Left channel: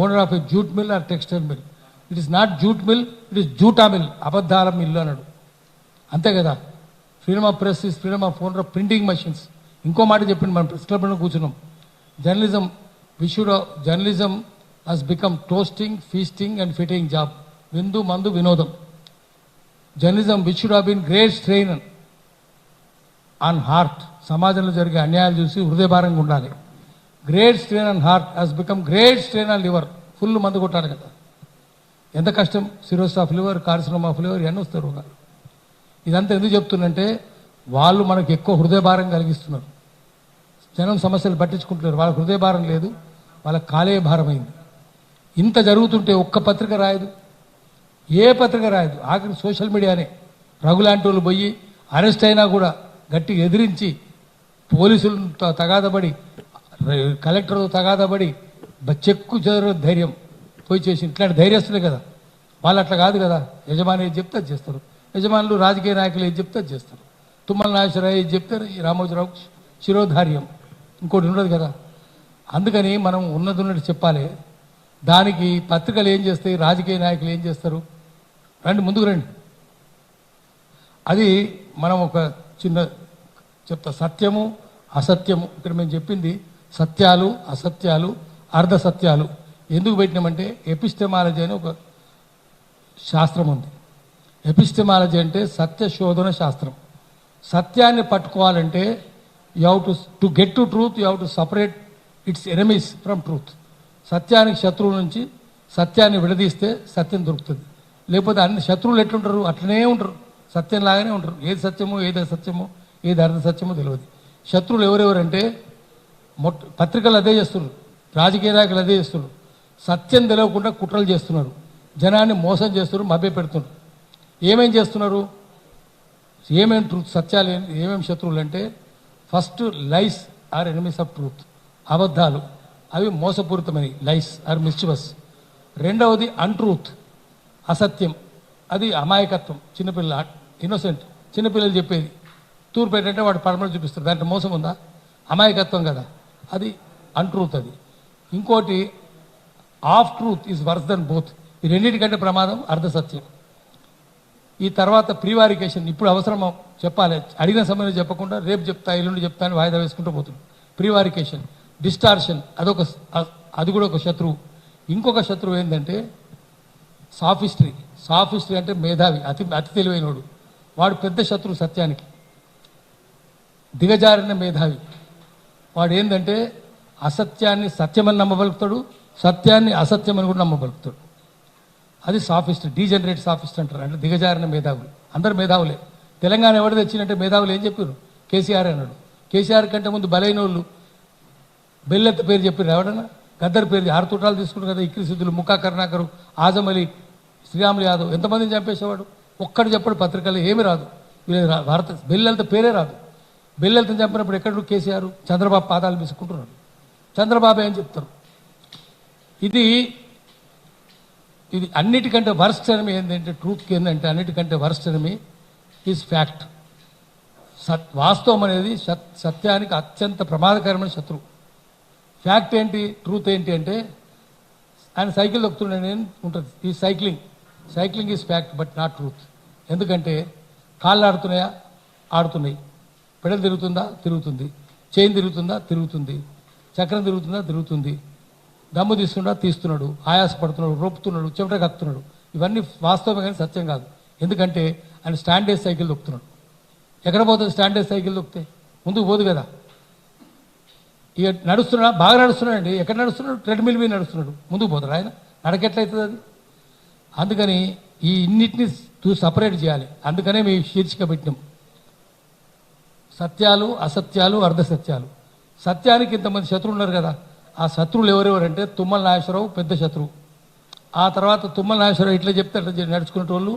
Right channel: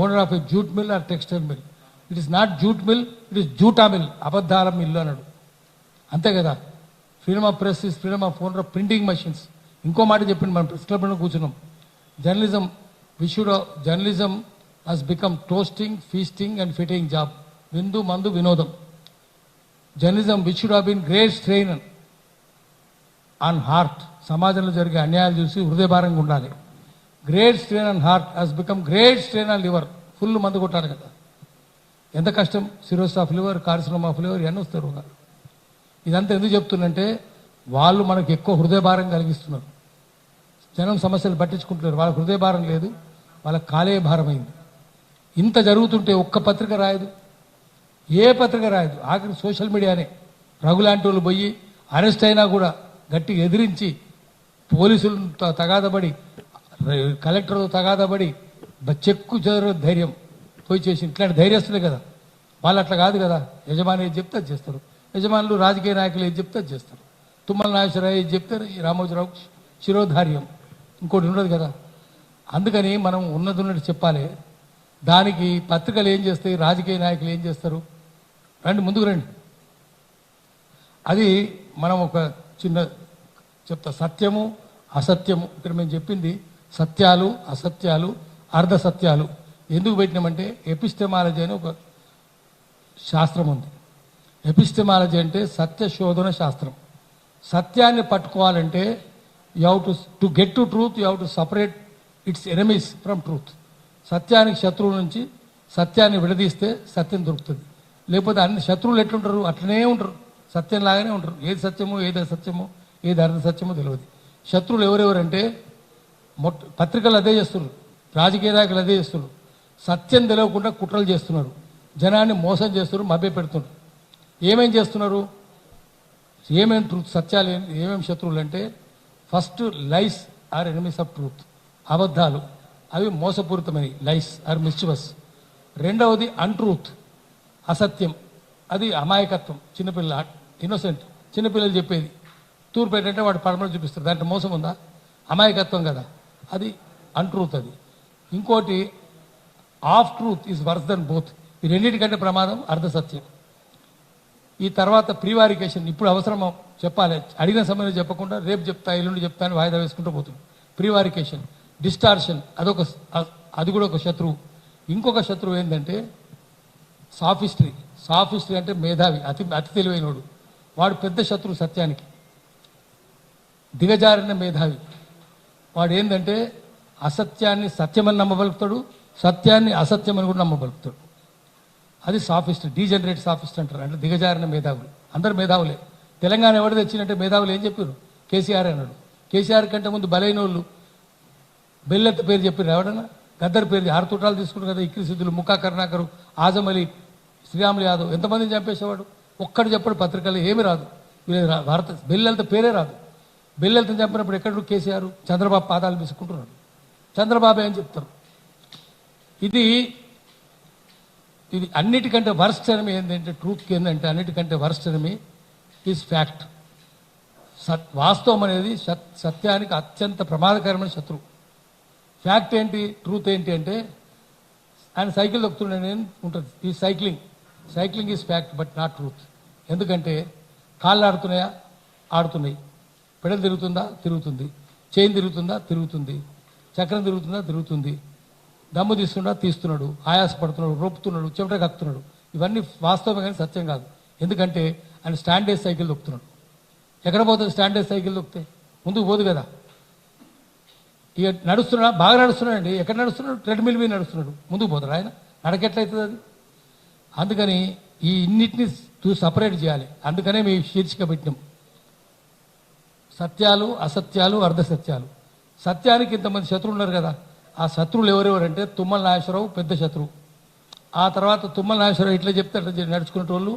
Owner of a jute mill or textile mill. It is not jute mill, it is జూటా mill, అబద్ధాల mill అన్నాడు. అంతే కదా. Freedom of press is freedom of owner of printing machines. ఇంకో మాట చెప్పింది, మనం ప్రెస్ క్లబ్లో కూర్చున్నాం. Journalism has become toasting, feasting and fitting job. విందు మందు వినోదం. Journalism which should have been great strain on heart. సమాజంలో జరిగే అన్యాయాలు చూసి హృదయభారంగా ఉండాలి. Great strain on heart has become great strain on liver. Full మందు కొట్టాలి కదా. ఎంత కష్టం. Cirrhosis of liver, carcinoma of liver, ఇవన్నీ వస్తారు. ఇదంతా ఎందుకు చెప్తున్నంటే వాళ్ళు మనకు ఎక్కువ హృదయభారం కలిగిస్తున్నారు. జనం సమస్యలు పట్టించుకుంటున్నారు. వాళ్ళకి హృదయభారం లేదు, వాళ్ళకి కాలేయ భారం అయింది. ఇంత జరుగుతుంటే ఒక్క పత్రిక రాయదు, ఏ పత్రిక రాయదు. ఆఖరి సోషల్ మీడియానే. రఘులాంటి వాళ్ళు పోయి అరెస్ట్ అయినా కూడా గట్టిగా ఎదిరించి, పోలీసులతో తగాదపడి, కలెక్టర్తో తగాదపడి, చెక్కు చెదర ధైర్యం పోయి చేసి, ఇట్లాంటి ధైర్యస్తులే కదా వాళ్ళు. అట్లా కాదు కదా. యజమాని ఏది చెప్తే అది చేస్తారు. యజమానులు రాజకీయ నాయకులు ఏది చెప్తే అది చేస్తారు. తుమ్మల నాగేశ్వరరావు ఏది చెప్తే రామోజీరావు శిరోధార్యం, ఇంకోటి ఉండదు కదా. అందుకని మనం ఉన్నది చెప్పాలి. దానికి పత్రికలు ఏం చేస్తాయి, రాజకీయ నాయకులు ఏం చేస్తారు? రండి, ముందుకు రండి. అది మనం ఒక చిన్న చెప్తా. సత్యము అసత్యము. ఇక్కడ మేము చెప్పింది సత్యాలు, అసత్యాలు, అర్ధ సత్యాలు. ఎందుకు పెట్టినామంటే ఎపిస్టెమాలజీ అని ఒక శాస్త్రం ఉంది. ఎపిస్టెమాలజీ అంటే సత్య శోధన శాస్త్రం. సత్యాన్ని పట్టుకోవాలంటే you have to get to truth, you have to separate its enemies from truth. సత్యానికి శత్రువు నుంచి సత్యాన్ని విడదీస్తే సత్యం దొరుకుతుంది. లేకపోతే అన్ని శత్రువులు ఎట్లుంటారు, అట్లనే ఉంటారు, సత్యం లాగానే ఉంటారు. ఏది సత్యమో, ఏది అసత్యమో, ఏది అర్ధ సత్యమో తెలియదు. శత్రువులు ఎవరెవరంటే పత్రికలు అదే చేస్తున్నారు, రాజకీయ నాయకులు అదే చేస్తున్నారు. సత్యం తెలియకుండా కుట్రలు చేస్తున్నారు, జనాన్ని మోసం చేస్తున్నారు, మభ్య పెడుతున్నారు. ఏమేం చేస్తున్నారు, ఏమేం ట్రూత్, సత్యాలు ఏమేమి శత్రువులు అంటే, first lies are enemies of truth. అబద్ధాలు అవి మోసపూరితమైనవి, లైస్ ఆర్ మిస్చివస్. రెండవది అన్ట్రూత్, అసత్యం. అది అమాయకత్వం, చిన్నపిల్ల ఇన్నోసెంట్, చిన్నపిల్లలు చెప్పేది. తూర్పు ఏంటంటే వాడు పడమలు చూపిస్తారు, దాంట్లో మోసం ఉందా? అమాయకత్వం కదా, అది అన్ట్రూత్. అది ఇంకోటి of truth is worse than both. ఈ రెండింటికంటే ప్రమాదం అర్ధ సత్యం. ఈ తర్వాత ప్రీవారికేషన్. ఇప్పుడు అవసరం చెప్పాలి, అడిగిన సమయంలో చెప్పకుండా రేపు చెప్తా, ఎల్లుండి చెప్తా అని వాయిదా వేసుకుంటూ పోతుంది. ప్రీవారికేషన్. డిస్టార్షన్, అది కూడా ఒక శత్రువు. ఇంకొక శత్రువు ఏంటంటే సాఫిస్ట్రీ. సాఫిస్ట్రీ అంటే మేధావి, అతి తెలివైనడు. వాడు పెద్ద శత్రువు సత్యానికి. దిగజారిన మేధావి వాడు ఏంటంటే అసత్యాన్ని సత్యమని నమ్మబలుకుతాడు, సత్యాన్ని అసత్యమని కూడా నమ్మబలుకుతాడు. అది సాఫిస్ట్, డీజనరేట్ సాఫిస్ట్ అంటారు. అంటే దిగజారిన మేధావులు. అందరు మేధావులే. తెలంగాణ ఎవరు తెచ్చినట్టే మేధావులు ఏం చెప్పారు? కేసీఆర్ అన్నాడు. కేసీఆర్ కంటే ముందు బలైన వాళ్ళు బెల్లెత్త పేరు చెప్పారు. ఎవడన్నా గద్దర్ పేరు 6 తూటాలు తీసుకున్నారు కదా. ఇక్రి సిద్ధులు, ముక్కా కరుణాకరు, ఆజం అలీ, శ్రీరాములు యాదవ్, ఎంతమందిని చంపేసేవాడు. ఒక్కడు చెప్పాడు పత్రికల్లో, ఏమీ రాదు. భారత బెల్లెలత పేరే రాదు. బెల్లెలతను చంపినప్పుడు ఎక్కడ కేసీఆర్, చంద్రబాబు పాదాలు తీసుకుంటున్నారు. చంద్రబాబు ఏం చెప్తారు? ఇది అన్నిటికంటే వర్స్ట్ ఎనిమి ఏంటంటే, ట్రూత్కి ఏంటంటే అన్నిటికంటే వర్స్ట్ ఎనిమి ఈజ్ ఫ్యాక్ట్. వాస్తవం అనేది సత్యానికి అత్యంత ప్రమాదకరమైన శత్రువు. ఫ్యాక్ట్ ఏంటి, ట్రూత్ ఏంటి అంటే, ఆయన సైకిల్ దొక్కుతున్నాడు ఉంటుంది. ఈ cycling is fact but not truth. ఎందుకంటే కాళ్ళు ఆడుతున్నాయా? ఆడుతున్నాయి. పెడలు తిరుగుతుందా? తిరుగుతుంది. చైన్ తిరుగుతుందా? తిరుగుతుంది. చక్రం తిరుగుతుందా? తిరుగుతుంది. దమ్ము తీస్తున్నాడా? తీస్తున్నాడు. ఆయాసపడుతున్నాడు, రోపుతున్నాడు, చెమట కక్కుతున్నాడు. ఇవన్నీ వాస్తవమే కానీ సత్యం కాదు. ఎందుకంటే ఆయన స్టాండేజ్ సైకిల్ దొక్కుతున్నాడు. ఎక్కడ పోతుంది స్టాండేజ్ సైకిల్ దొక్కితే? ముందుకు పోదు కదా. ఇక నడుస్తున్నాడు, బాగా నడుస్తున్నాడండి. ఎక్కడ నడుస్తున్నాడు? ట్రెడ్మిల్ మీద నడుస్తున్నాడు. ముందుకు పోతాడు ఆయన. నడకెట్లయితుంది అది? అందుకని ఈ ఇన్నిటిని సపరేట్ చేయాలి. అందుకనే మేము శీర్షిక పెట్టినాం, సత్యాలు, అసత్యాలు, అర్ధ సత్యాలు. సత్యానికి ఇంతమంది శత్రువులు ఉన్నారు కదా. ఆ శత్రువులు ఎవరెవరంటే తుమ్మల నాగేశ్వరరావు పెద్ద శత్రువు. ఆ తర్వాత తుమ్మల నాగేశ్వరరావు ఇట్లా చెప్తే అట్లా నడుచుకునే వాళ్ళు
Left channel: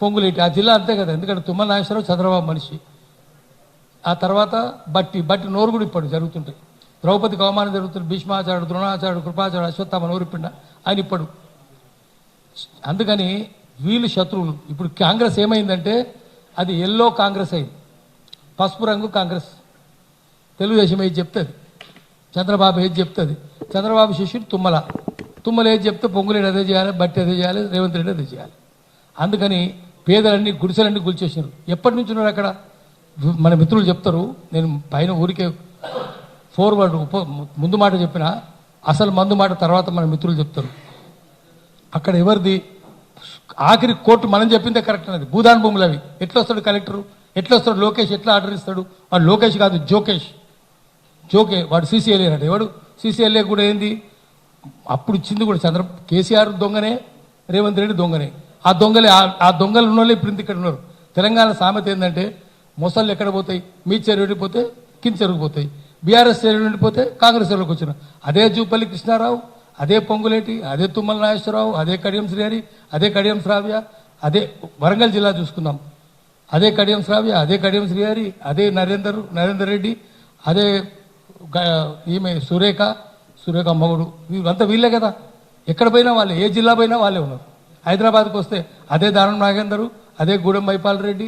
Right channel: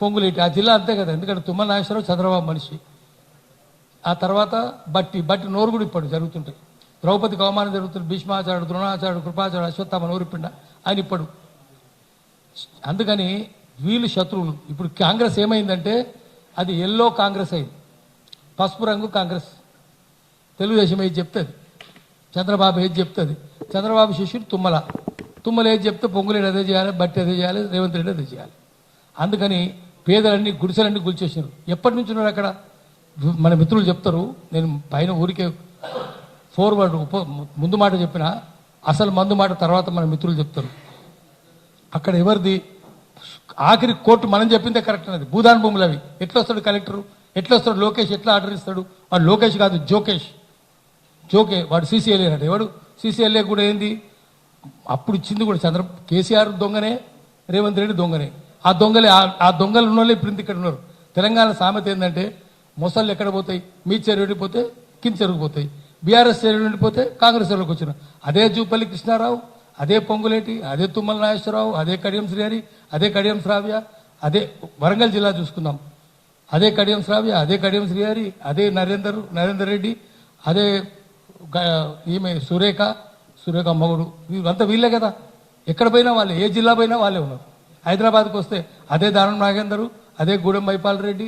పొంగులేటి. ఆ జిల్లా అంతే కదా. ఎందుకంటే తుమ్మల నాగేశ్వరరావు చంద్రబాబు మనిషి. ఆ తర్వాత బట్టి నోరు కూడా ఇప్పుడు జరుగుతుంటాయి. ద్రౌపదికి అవమానం జరుగుతుంది. భీష్మాచార్యుడు, ద్రోణాచార్యుడు, కృపాచార్యుడు, అశ్వత్థామ నోరిపిండ ఆయన ఇప్పుడు. అందుకని వీళ్ళు శత్రువులు. ఇప్పుడు కాంగ్రెస్ ఏమైందంటే అది ఎల్లో కాంగ్రెస్ అయింది, పసుపు రంగు కాంగ్రెస్. తెలుగుదేశం ఏది చెప్తుంది. చంద్రబాబు ఏది చెప్తుంది, చంద్రబాబు శిష్యుడు తుమ్మల ఏది చెప్తే పొంగులేడు అదే చేయాలి, బట్టి అదే చేయాలి, రేవంత్ రెడ్డి అదే చేయాలి. అందుకని పేదలన్నీ గుడిసెలన్నీ గుల్చేసినారు. ఎప్పటి నుంచి ఉన్నారు అక్కడ? మన మిత్రులు చెప్తారు. నేను పైన ఊరికే ఫోర్వర్డ్ ముందు మాట చెప్పిన, అసలు మందు మాట తర్వాత మన మిత్రులు చెప్తారు. అక్కడ ఎవరిది ఆఖరి కోర్టు మనం చెప్పిందే కరెక్ట్ అన్నది. భూదాన్ భూములు అవి ఎట్లా వస్తాడు కలెక్టర్, ఎట్లా వస్తాడు లోకేష్, ఎట్లా ఆర్డర్ ఇస్తాడు? వాడు లోకేష్ కాదు, జోకే వాడు సీసీఎల్ఏ అన్నాడు. ఎవడు సీసీఎల్ఏ కూడా ఏంది? అప్పుడు ఇచ్చింది కూడా కేసీఆర్ దొంగనే, రేవంత్ రెడ్డి దొంగనే. ఆ దొంగలు ఉన్న వాళ్ళు ఇప్పుడు ఇక్కడ ఉన్నారు. తెలంగాణ సామెత ఏంటంటే, మొసళ్ళు ఎక్కడ పోతాయి? మీ చెరువు ఎండిపోతే కింద చెరువు పోతాయి, బీఆర్ఎస్ చెరువు ఎండిపోతే కాంగ్రెస్ చెరువుకి వచ్చిన. అదే జూపల్లి కృష్ణారావు, అదే పొంగులేటి, అదే తుమ్మల నాగేశ్వరరావు, అదే కడియం శ్రీహరి, అదే కడియం శ్రావ్య, అదే వరంగల్ జిల్లా చూసుకుందాం, అదే కడియం శ్రావ్య, అదే కడియం శ్రీహరి, అదే నరేందర్ రెడ్డి, అదే ఈమె సురేఖ మగుడు, ఇవంతా వీళ్ళే కదా. ఎక్కడ పోయినా వాళ్ళే, ఏ జిల్లా పోయినా వాళ్ళే ఉన్నారు. హైదరాబాద్కి వస్తే అదే దానం నాగేందరు, అదే గూడెం మైపాల్ రెడ్డి,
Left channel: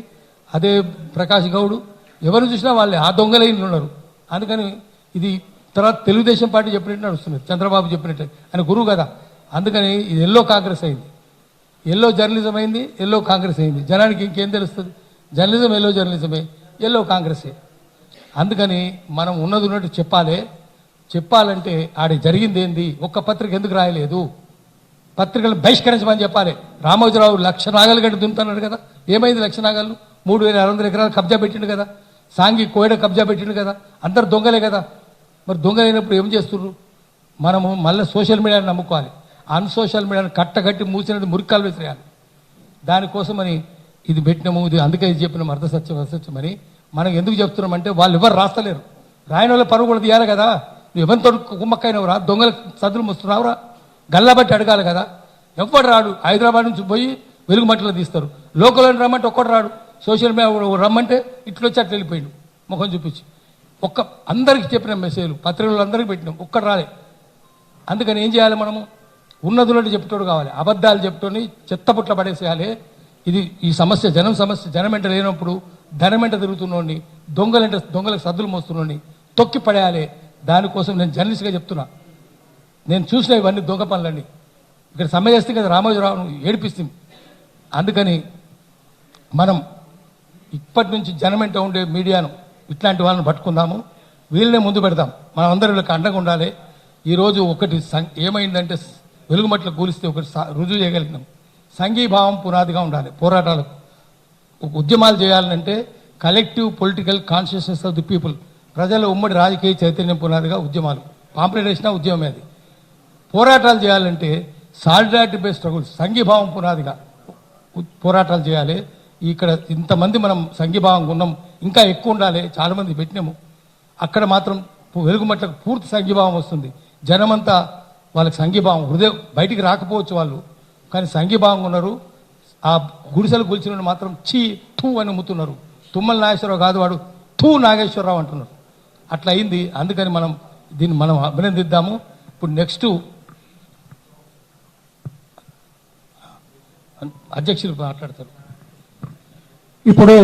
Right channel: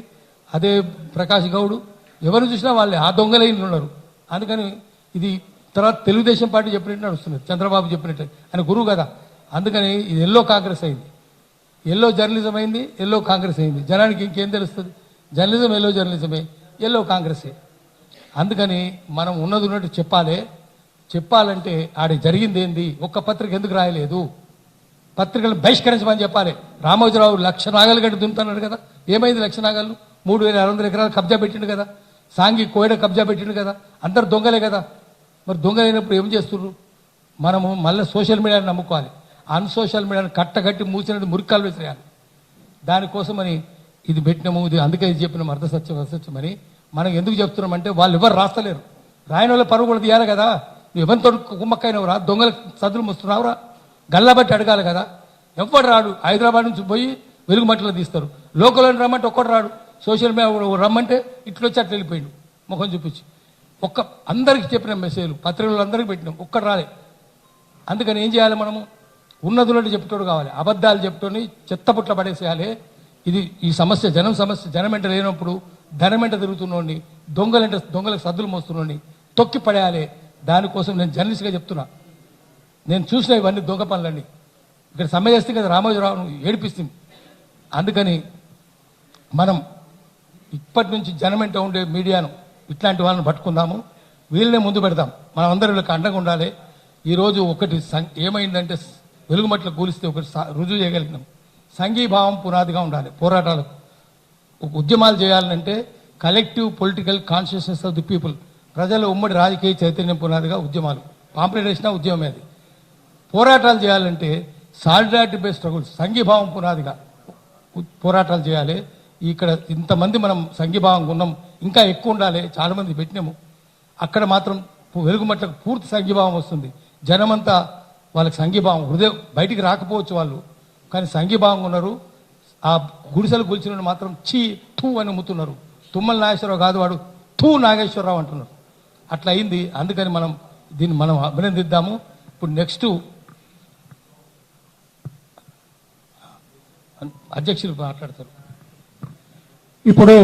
అదే ప్రకాష్ గౌడ్, ఎవరు చూసినా వాళ్ళే. ఆ దొంగలే ఇంట్లో ఉన్నారు. అందుకని ఇది తర్వాత తెలుగుదేశం పార్టీ చెప్పినట్టు నడుస్తుంది, చంద్రబాబు చెప్పినట్టు. ఆయన గురువు కదా. అందుకని ఇది ఎల్లో కాంగ్రెస్ అయింది, ఎల్లో జర్నలిజం అయింది, ఎల్లో కాంగ్రెస్ అయింది. జనానికి ఇంకేం తెలుస్తుంది? జర్నలిజం ఎల్లో జర్నలిజమే, ఎల్లో కాంగ్రెసే. అందుకని మనం ఉన్నట్టు చెప్పాలంటే ఆడ జరిగింది ఏంది? ఒక్క పత్రిక ఎందుకు రాయలేదు? పత్రికలు బహిష్కరించమని చెప్పాలి. రామోజీరావు 1,00,000 నాగలు గడ్డి దున్నుతున్నాడు కదా, ఏమైంది? 1,00,000 నాగలు 3,600 ఎకరాలు కబ్జా పెట్టిండు కదా, సాంఘి కోయడ కబ్జా పెట్టిండు కదా, అందరు దొంగలే కదా. మరి దొంగలైనప్పుడు ఏం చేస్తున్నారు? మనము మళ్ళీ సోషల్ మీడియాని నమ్ముకోవాలి. అన్సోషల్ మీడియాని కట్టగట్టి మూసినది మురికాలు వేసేయాలి. దానికోసమని ఇది పెట్టినాము. ఇది అందుకే ఇది చెప్పినాము అర్థసత్యమని. మనం ఎందుకు చెప్తున్నామంటే వాళ్ళు ఎవరు రాస్తలేరు. రాయని వాళ్ళ పరువు కూడా తీయాలి కదా. నువ్వు ఎవరితో కుమ్మక్కైనవరా? దొంగల సదులు ముస్తున్నావురా? గల్లబట్టి అడగాలి కదా. ఎవరు రాడు. హైదరాబాద్ నుంచి పోయి వెలుగుమట్టిలో తీస్తారు. లోకల్ రమ్మంటే ఒక్కడు రాడు. సోషల్ మీడియా రమ్మంటే ఇట్లొచ్చి అట్లా వెళ్ళిపోయిండు ముఖం చూపించి. అందరికి చెప్పిన మెసేజ్లు పత్రికలు అందరికి పెట్టినాం, ఒక్కడు రాలే. అందుకని ఏం చేయాలి? మనము ఉన్నదున్నట్టు చెప్తాడు కావాలి. అబద్ధాలు చెప్తూనే చెత్తపుట్ల పడేసేయాలి. ఇది ఈ సమస్య జనం వెంట లేనప్పుడు ధనం వెంట తిరుగుతున్నోడిని, దొంగలకు సద్దులు మోస్తున్నోడిని తొక్కి పడేయాలి. దానికోసం నేను జర్నలిస్ట్గా చెప్తున్నా. నేను చూసిన ఇవన్నీ దొంగ పనులన్నీ ఇక్కడ సమ్మె చేస్తే కదా రామోజీరావును ఏడిపిస్తుంది. అందుకని మనం ఇప్పటి నుంచి జనం వెంట ఉండే మీడియాను, ఇట్లాంటి వాళ్ళని పట్టుకుందాము, వీళ్ళనే ముందు పెడదాం. మనం అందరూ వీళ్ళకి అండగా ఉండాలి. ఈరోజు ఒకటి ఏమైందంటే, వెలుగుమట్ల కూలిస్తే ఒకటి రుజువు చేయగలిగినాం. సంఘీభావం పునాదిగా ఉండాలి పోరాటాలకు. ఉద్యమాలు చేయాలంటే collective political consciousness of the people, ప్రజల ఉమ్మడి రాజకీయ చైతన్యం పునాదిగా ఉద్యమాలు. పాంప్లెట్ వేసినా ఉద్యమమే అది. పోరాటాలు చేయాలంటే సాలిడారిటీ బేస్డ్ స్ట్రగుల్స్, సంఘీభావం పునాదిగా పోరాటాలు చేయాలి. ఇక్కడ ఇంతమంది మనం సంఘీభావంగా ఉన్నాం, ఇంకా ఎక్కువ ఉండాలి. చాలా మంది పెట్టినాము. అక్కడ మాత్రం వెలుగుమట్లకు పూర్తి సంఘీభావం వస్తుంది. జనమంతా వాళ్ళకి సంఘీభావం, హృదయం బయటికి రాకపోవచ్చు వాళ్ళు, కానీ సంఘీభావంగా ఉన్నారు. ఆ గుడిసెలు గుల్చిన మాత్రం తూ అని ముత్తున్నారు. తుమ్మల నాగేశ్వరరావు కాదు, వాడు నాగేశ్వరరావు అంటున్నారు. అట్లా అయింది. అందుకని దీన్ని మనం అభినందిద్దాము. ఇప్పుడు నెక్స్ట్ అధ్యక్షులు మాట్లాడతారు. ఇప్పుడు